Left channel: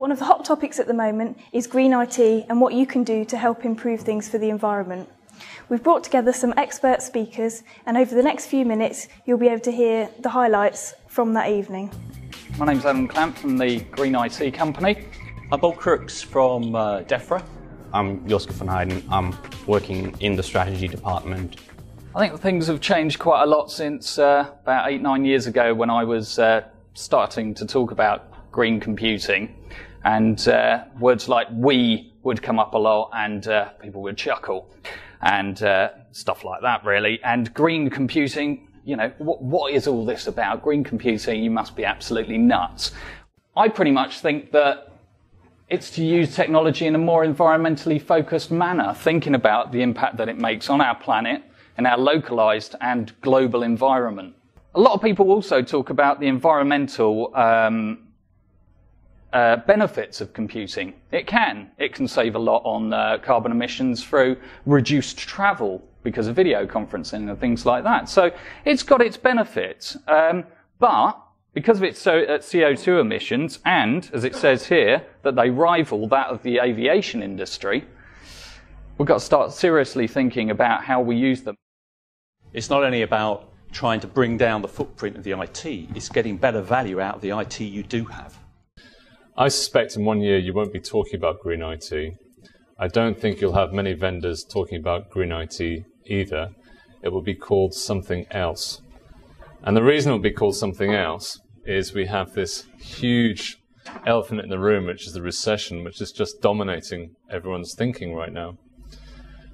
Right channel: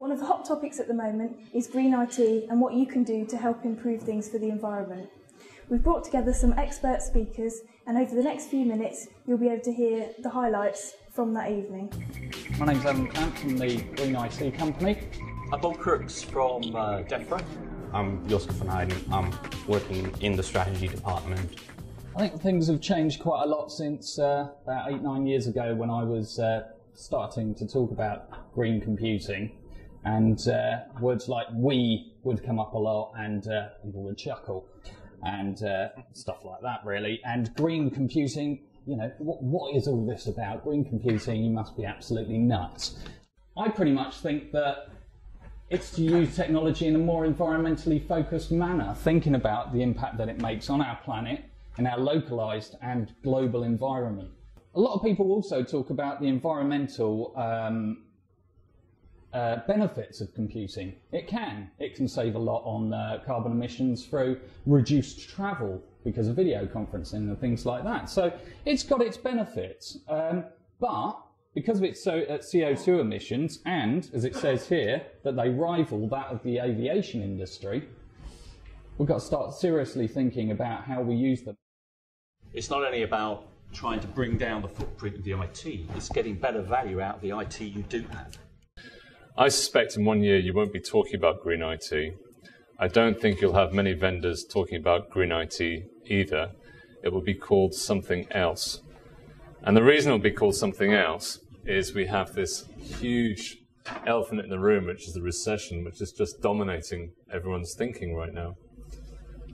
One of the hot topics at the moment is green IT and what you can do to help improve things for the environment. We've brought together some expert speakers, and over the next few minutes you'll be able to hear the highlights from that evening. My name's Adam Clamp from the Green IT company. I'm Bob Crooks from DEFRA. I'm Joske van Heijden. I'm working in the strategy department. I think things have changed quite a lot since about 8-9 years ago when I was starting to talk about green computing. And words like "we" would come up a lot, and people would chuckle, and stuff like that, really. And green computing, you know, what is all this about? Green computing, you must be absolutely nuts. I pretty much think that it's to use technology in a more environmentally focused manner, thinking about the impact that it makes on our planet and our localized and global environment. A lot of people also talk about the environmental benefits of computing. It can save a lot on carbon emissions through reduced travel because of video conferencing and things like that. So it's got its benefits, but because of its CO2 emissions, and as it says here, that they rival that of the aviation industry, we've got to start seriously thinking about how we use them. It's not only about trying to bring down the footprint of the IT, it's getting better value out of the IT you do have. I suspect in 1 year you won't be talking about green IT. I don't think you'll have many vendors talking about green IT either. It will be called something else. And the reason it will be called something else is we have this huge elephant in the room, which is the recession, which is just dominating everyone's thinking right now.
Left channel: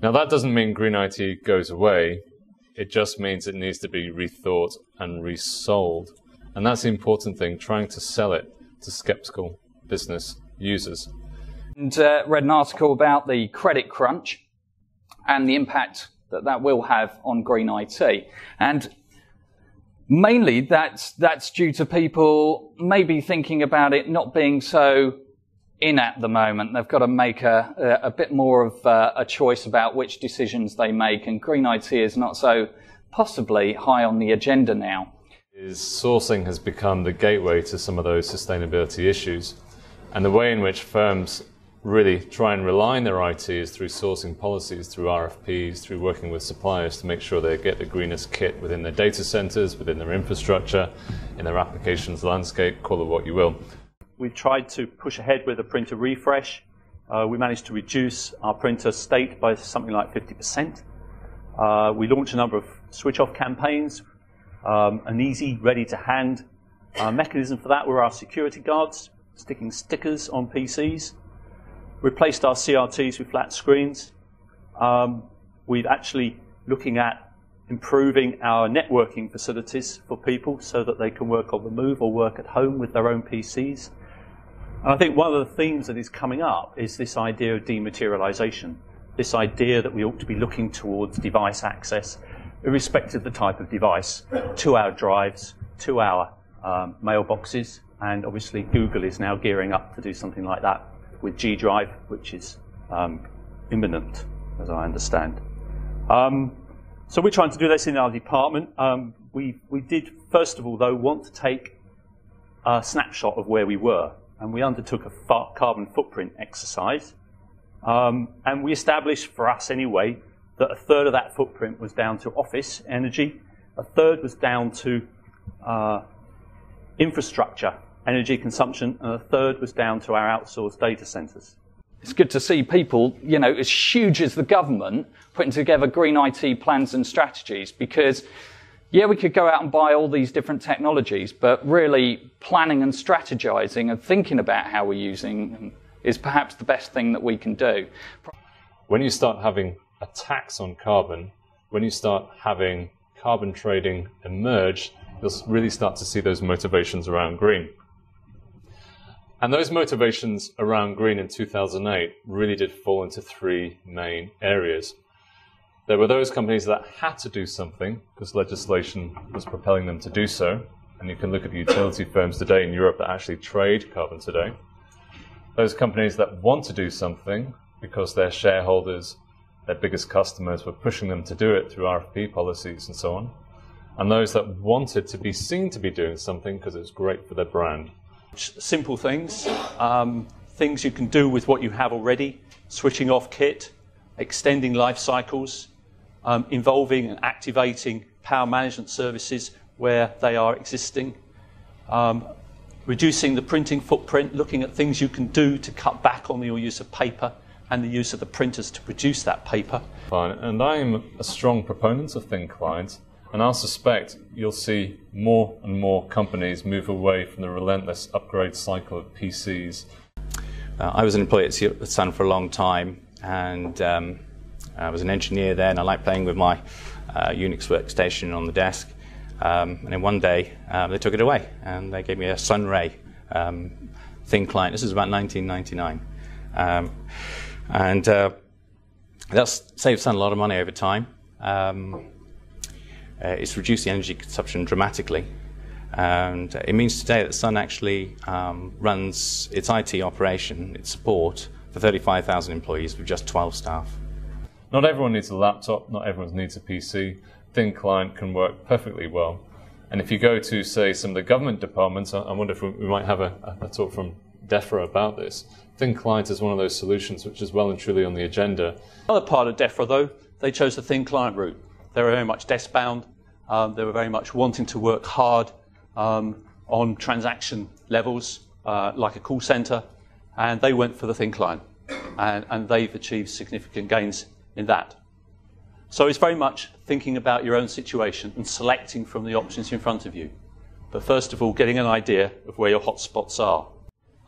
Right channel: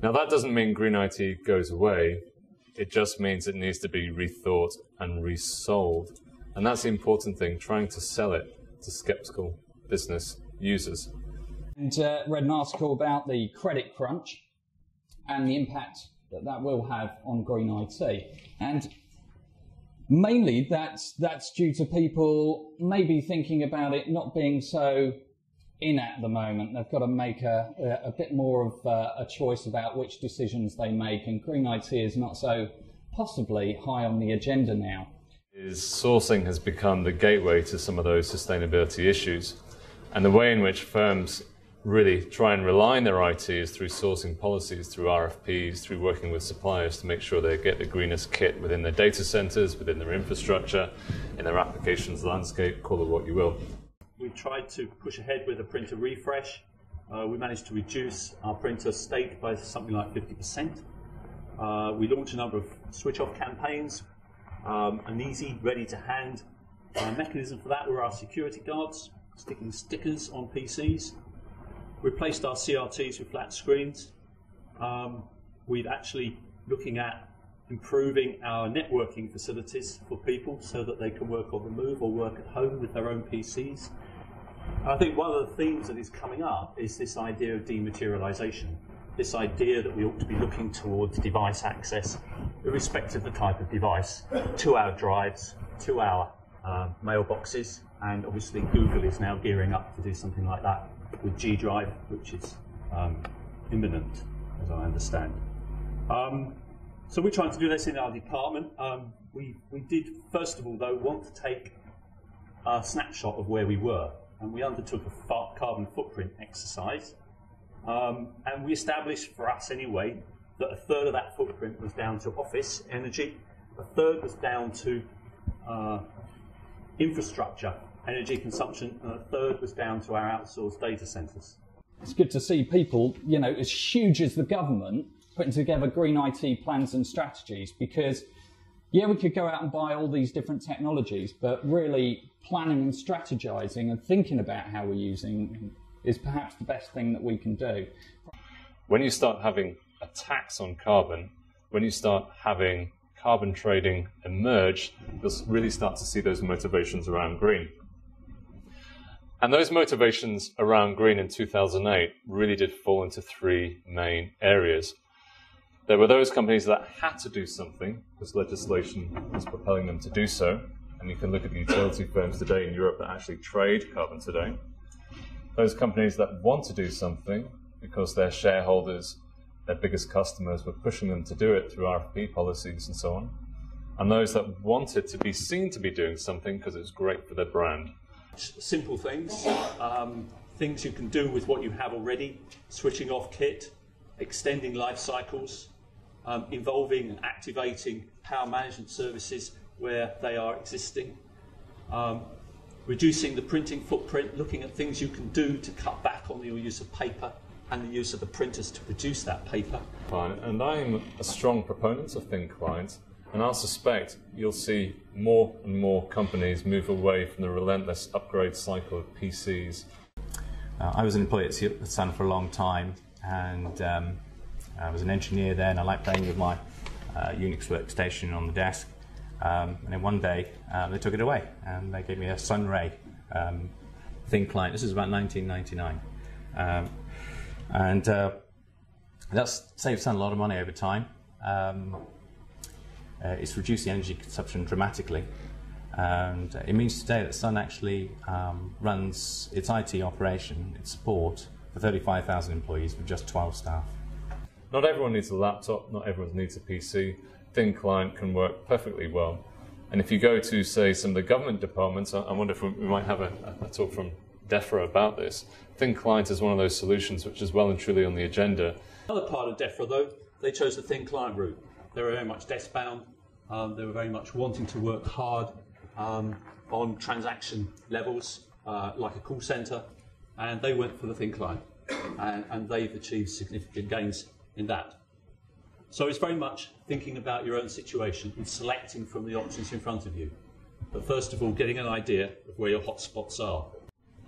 Now, that doesn't mean green IT goes away. It just means it needs to be rethought and resold. And that's the important thing, trying to sell it to skeptical business users. And read an article about the credit crunch and the impact that that will have on green IT. And mainly that's due to people maybe thinking about it not being so in at the moment. They've got to make a bit more of a choice about which decisions they make, and green IT is not so possibly high on the agenda now. Sourcing has become the gateway to some of those sustainability issues. And the way in which firms really try and rely on their IT is through sourcing policies, through RFPs, through working with suppliers to make sure they get the greenest kit within their data centers, within their infrastructure, in their applications landscape, call it what you will. We've tried to push ahead with a printer refresh. We managed to reduce our printer state by something like 50%. We launched a number of switch-off campaigns. An easy, ready-to-hand mechanism for that were our security guards, sticking stickers on PCs. Replaced our CRTs with flat screens. We're actually looking at improving our networking facilities for people so that they can work on the move or work at home with their own PCs. And I think one of the themes that is coming up is this idea of dematerialization, this idea that we ought to be looking towards device access, irrespective of the type of device, to our drives, to our mailboxes, and obviously Google is now gearing up to do something like that with G Drive, which is imminent, as I understand. So we're trying to do this in our department. We did, first of all, though, want to take a snapshot of where we were, and we undertook a carbon footprint exercise, and we established, for us anyway, that a third of that footprint was down to office energy, a third was down to infrastructure energy consumption, and a third was down to our outsourced data centers. It's good to see people, you know, as huge as the government, putting together green IT plans and strategies, because, yeah, we could go out and buy all these different technologies, but really planning and strategizing and thinking about how we're using them is perhaps the best thing that we can do. When you start having a tax on carbon, when you start having carbon trading emerge, you'll really start to see those motivations around green. And those motivations around green in 2008 really did fall into three main areas. There were those companies that had to do something because legislation was propelling them to do so. And you can look at the utility firms today in Europe that actually trade carbon today. Those companies that want to do something because their shareholders, their biggest customers were pushing them to do it through RFP policies and so on. And those that wanted to be seen to be doing something because it was great for their brand. Simple things, things you can do with what you have already, switching off kit, extending life cycles, involving and activating power management services where they are existing, reducing the printing footprint, looking at things you can do to cut back on your use of paper and the use of the printers to produce that paper. Fine. And I am a strong proponent of thin client, and I suspect you'll see more and more companies move away from the relentless upgrade cycle of PCs. I was an employee at Sun for a long time, and I was an engineer there, and I liked playing with my Unix workstation on the desk. And then one day they took it away, and they gave me a Sunray thin client. This is about 1999. And that's saved Sun a lot of money over time. It's reduced the energy consumption dramatically. And it means today that Sun actually runs its IT operation, its support, for 35,000 employees with just 12 staff. Not everyone needs a laptop, not everyone needs a PC. Thin client can work perfectly well. And if you go to, say, some of the government departments, I wonder if we might have a talk from DEFRA about this. Thin client is one of those solutions which is well and truly on the agenda. Another part of DEFRA, though, they chose the thin client route. They were very much desk-bound. They were very much wanting to work hard on transaction levels, like a call centre, and they went for the thin client. And they've achieved significant gains in that. So it's very much thinking about your own situation and selecting from the options in front of you. But first of all, getting an idea of where your hotspots are.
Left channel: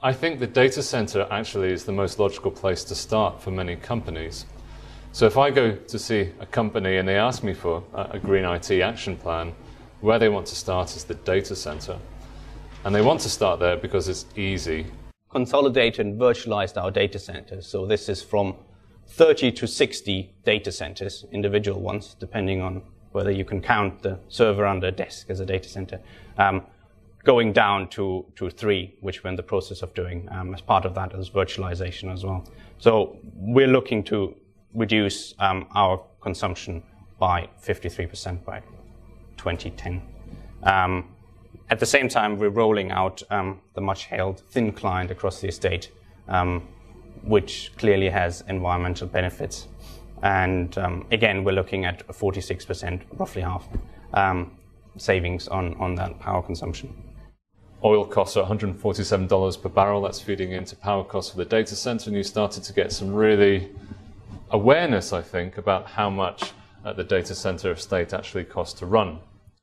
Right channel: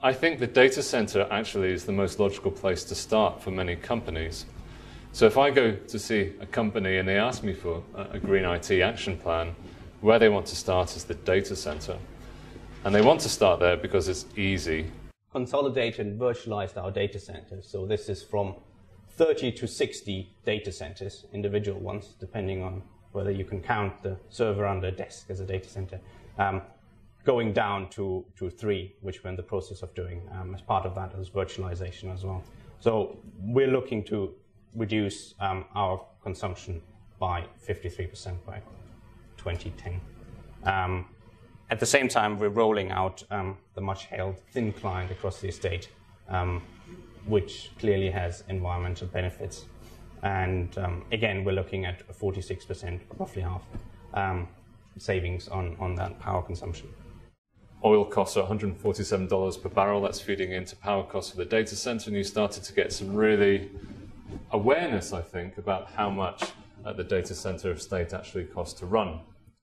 I think the data center actually is the most logical place to start for many companies. So if I go to see a company and they ask me for a green IT action plan, where they want to start is the data center. And they want to start there because it's easy. Consolidated and virtualized our data centers. So this is from 30 to 60 data centers, individual ones, depending on whether you can count the server under a desk as a data center, going down to 3, which we're in the process of doing. As part of that is virtualization as well. So we're looking to reduce our consumption by 53% by 2010. At the same time, we're rolling out the much-hailed thin client across the estate, which clearly has environmental benefits. And again, we're looking at a 46%, roughly half, savings on that power consumption. Oil costs are $147 per barrel. That's feeding into power costs for the data center, and you started to get some really awareness, I think, about how much the data center estate actually costs to run.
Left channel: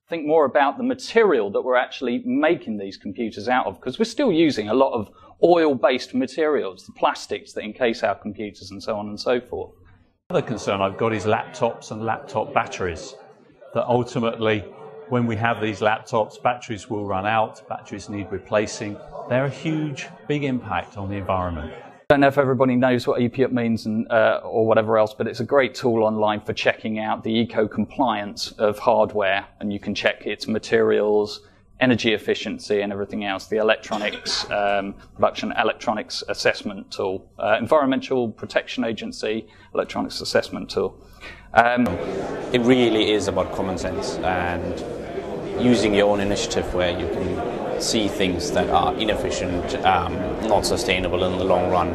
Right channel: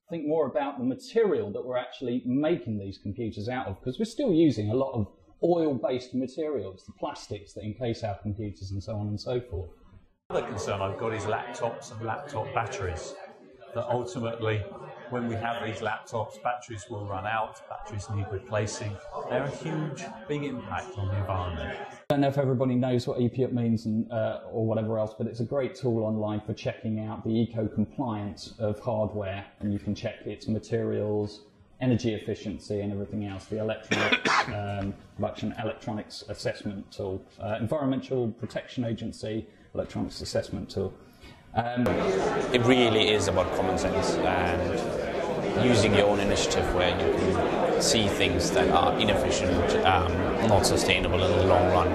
Think more about the material that we're actually making these computers out of, because we're still using a lot of oil-based materials, the plastics that encase our computers and so on and so forth. Another concern I've got is laptops and laptop batteries, that ultimately when we have these laptops, batteries will run out, batteries need replacing. They're a huge, big impact on the environment. I don't know if everybody knows what EPUB means or whatever else, but it's a great tool online for checking out the eco-compliance of hardware, and you can check its materials, energy efficiency and everything else, the electronics, production electronics assessment tool, Environmental Protection Agency electronics assessment tool. It really is about common sense and using your own initiative where you can see things that are inefficient, not sustainable in the long run.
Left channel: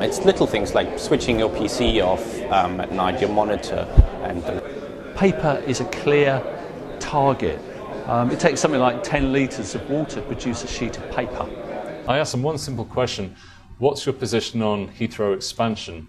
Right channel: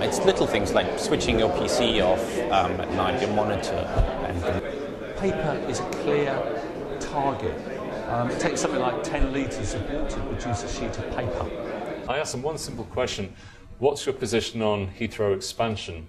It's little things like switching your PC off at night, your monitor. And paper is a clear target. It takes something like 10 litres of water to produce a sheet of paper. I asked them one simple question: what's your position on Heathrow expansion?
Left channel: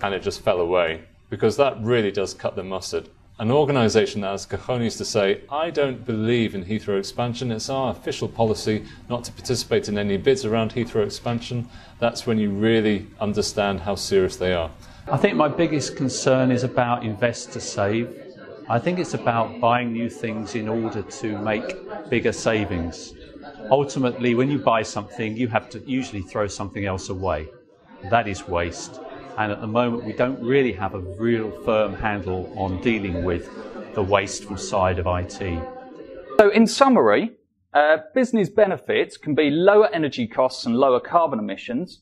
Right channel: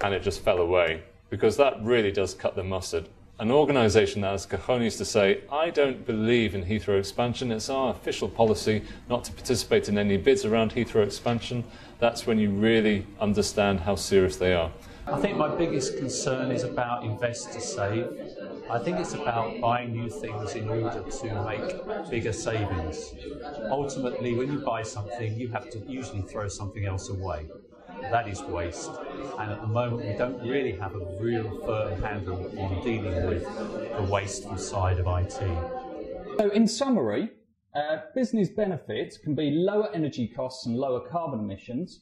And it just fell away, because that really does cut the mustard. An organisation that has cojones to say, I don't believe in Heathrow expansion, it's our official policy not to participate in any bids around Heathrow expansion, that's when you really understand how serious they are. I think my biggest concern is about invest to save. I think it's about buying new things in order to make bigger savings. Ultimately, when you buy something, you have to usually throw something else away. That is waste. And at the moment, we don't really have a real firm handle on dealing with the wasteful side of IT. So in summary, business benefits can be lower energy costs and lower carbon emissions,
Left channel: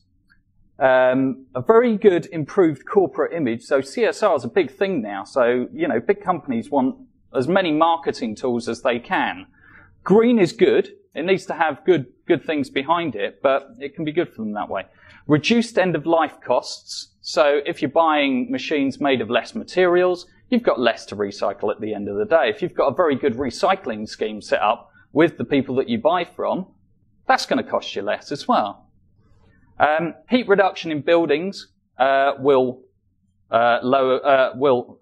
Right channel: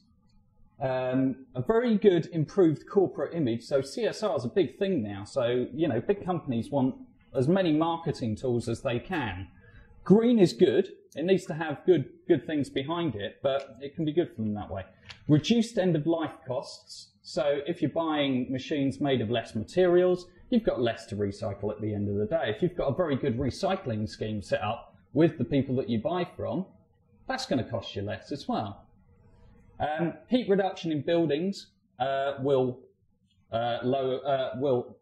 a very good improved corporate image. So CSR is a big thing now. So, you know, big companies want as many marketing tools as they can. Green is good. It needs to have good things behind it, but it can be good for them that way. Reduced end-of-life costs. So if you're buying machines made of less materials, you've got less to recycle at the end of the day. If you've got a very good recycling scheme set up with the people that you buy from, that's going to cost you less as well. Heat reduction in buildings will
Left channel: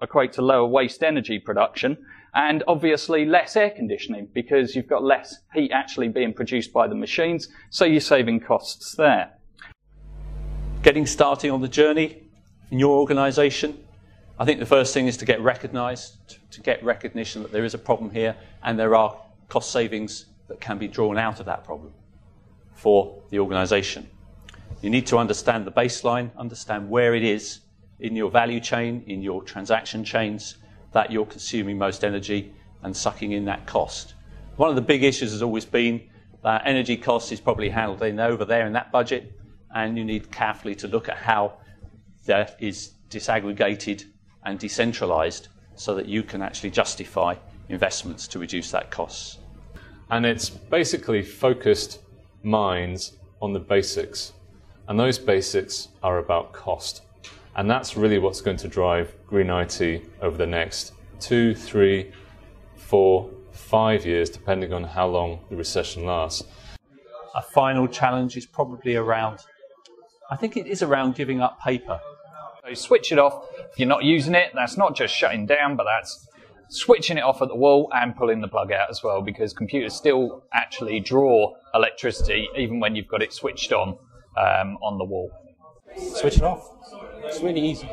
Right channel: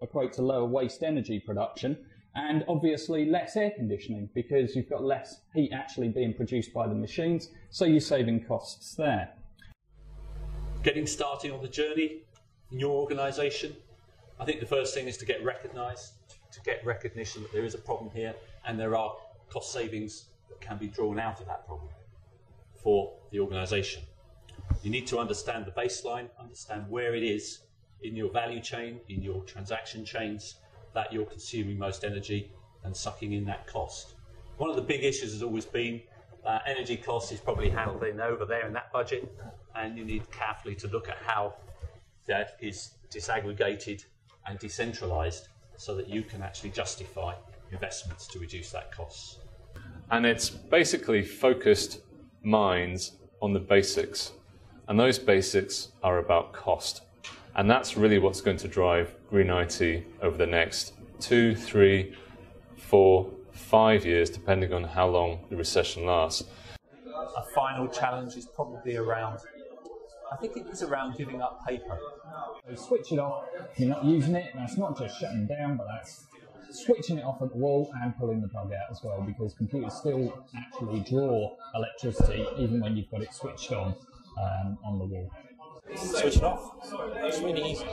equate to lower waste energy production, and obviously less air conditioning because you've got less heat actually being produced by the machines, so you're saving costs there. Getting started on the journey in your organisation, I think the first thing is to get recognised, to get recognition that there is a problem here and there are cost savings that can be drawn out of that problem for the organisation. You need to understand the baseline, understand where it is in your value chain, in your transaction chains, that you're consuming most energy and sucking in that cost. One of the big issues has always been that energy cost is probably handled over there in that budget, and you need carefully to look at how that is disaggregated and decentralised so that you can actually justify investments to reduce that cost. And it's basically focused minds on the basics. And those basics are about cost. And that's really what's going to drive Green IT over the next 2, 3, 4, 5 years, depending on how long the recession lasts. A final challenge is probably around, I think it is around giving up paper. So switch it off. If you're not using it, that's not just shutting down, but that's switching it off at the wall and pulling the plug out as well, because computers still actually draw electricity even when you've got it switched on the wall. Switch it off. It's really easy.